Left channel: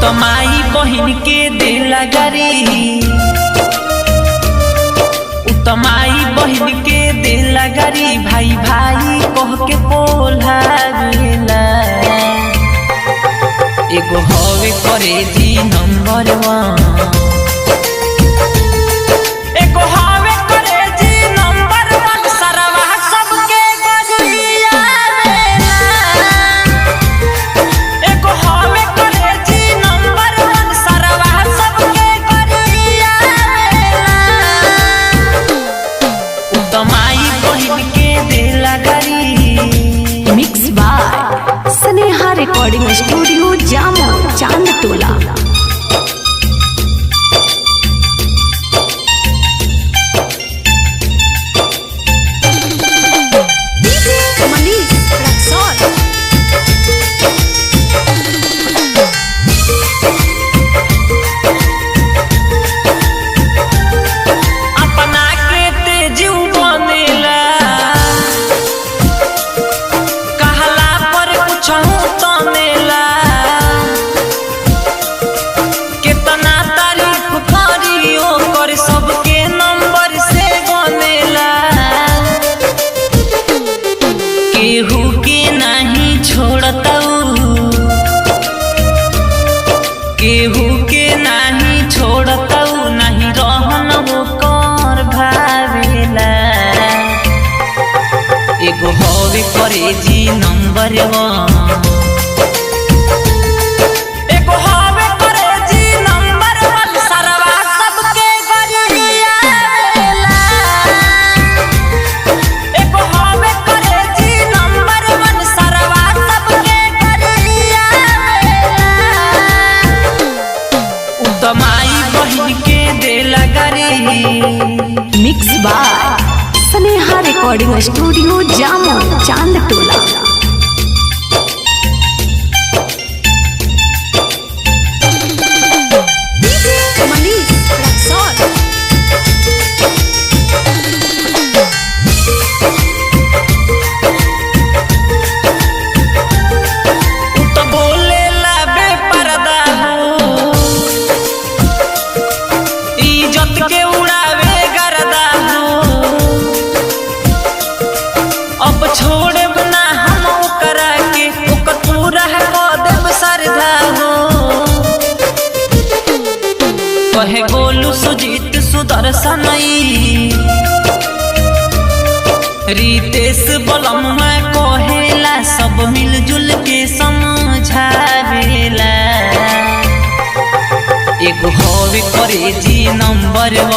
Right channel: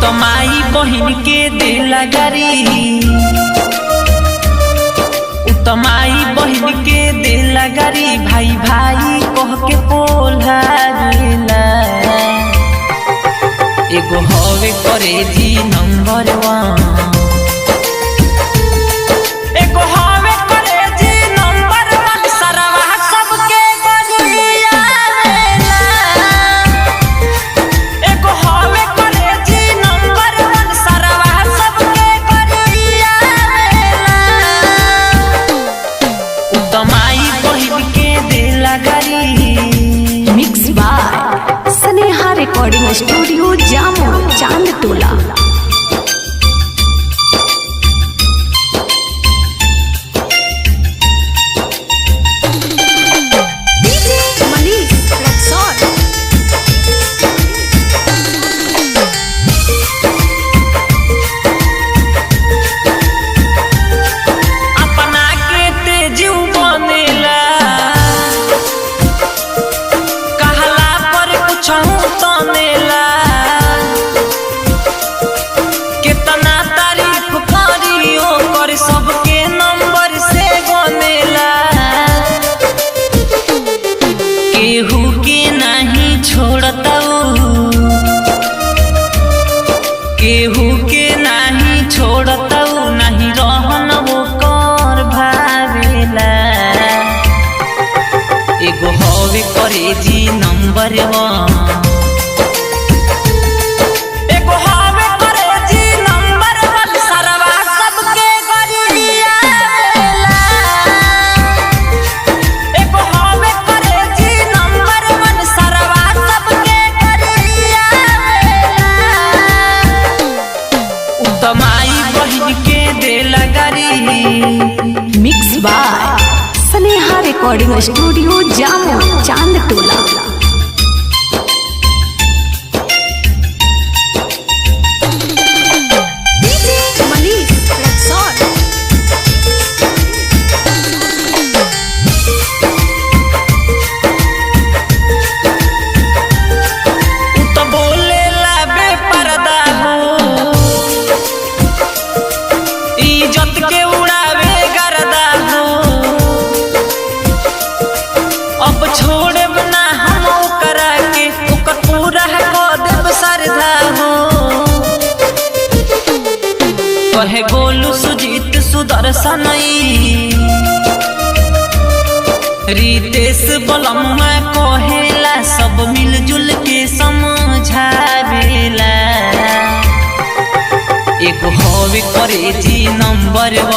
तो माई बहिन के देला गारी, तो माई बहिन के देला गारी, भाई भाई कह के पोल्हावेला। एगो हवे करे जी नंबर 1, एगो हवे करे जी नंबर 1, सरवा सबके गरियावेला। एगो हवे करे जी नंबर 1, सरवा सबके गरियावेला। तो माई बहिन के देला गारी। Mix by Sneha recording studio Jamo Chand Tola. DJ Manish Raxaul. अपना के तेजू बनेला, कहला पर कुछ तनेला। कितना तारीफ करियो कर सबके नंबर से गनेला। केहू के नहीं छोड़ताऊ, केहू के नहीं छोड़ताऊ, नहीं रहन वो कर भावेला। एगो हवे करे जी नंबर 1, एगो हवे करे जी नंबर 1, सरवा सबके गरियावेला। एगो हवे करे जी नंबर 1, सरवा सबके गरियावेला। तो माई बहिन के देला गारी। Mix by Sneha recording studio Jamo Chand Tola. DJ Manish Raxaul. तो बोलेला बेपर्दा हो, इज्जत के उड़ावे गर्दा हो। अब छोड़ब ना हम ओकरा के, ओकर पूरा क देब श्रद्धा हो। कहे गोलू सुजीत सुदर्शन, रितेश बलम में कहेला, सब मिलजुल के समझावेला। एगो हवे करे जी नंबर 1,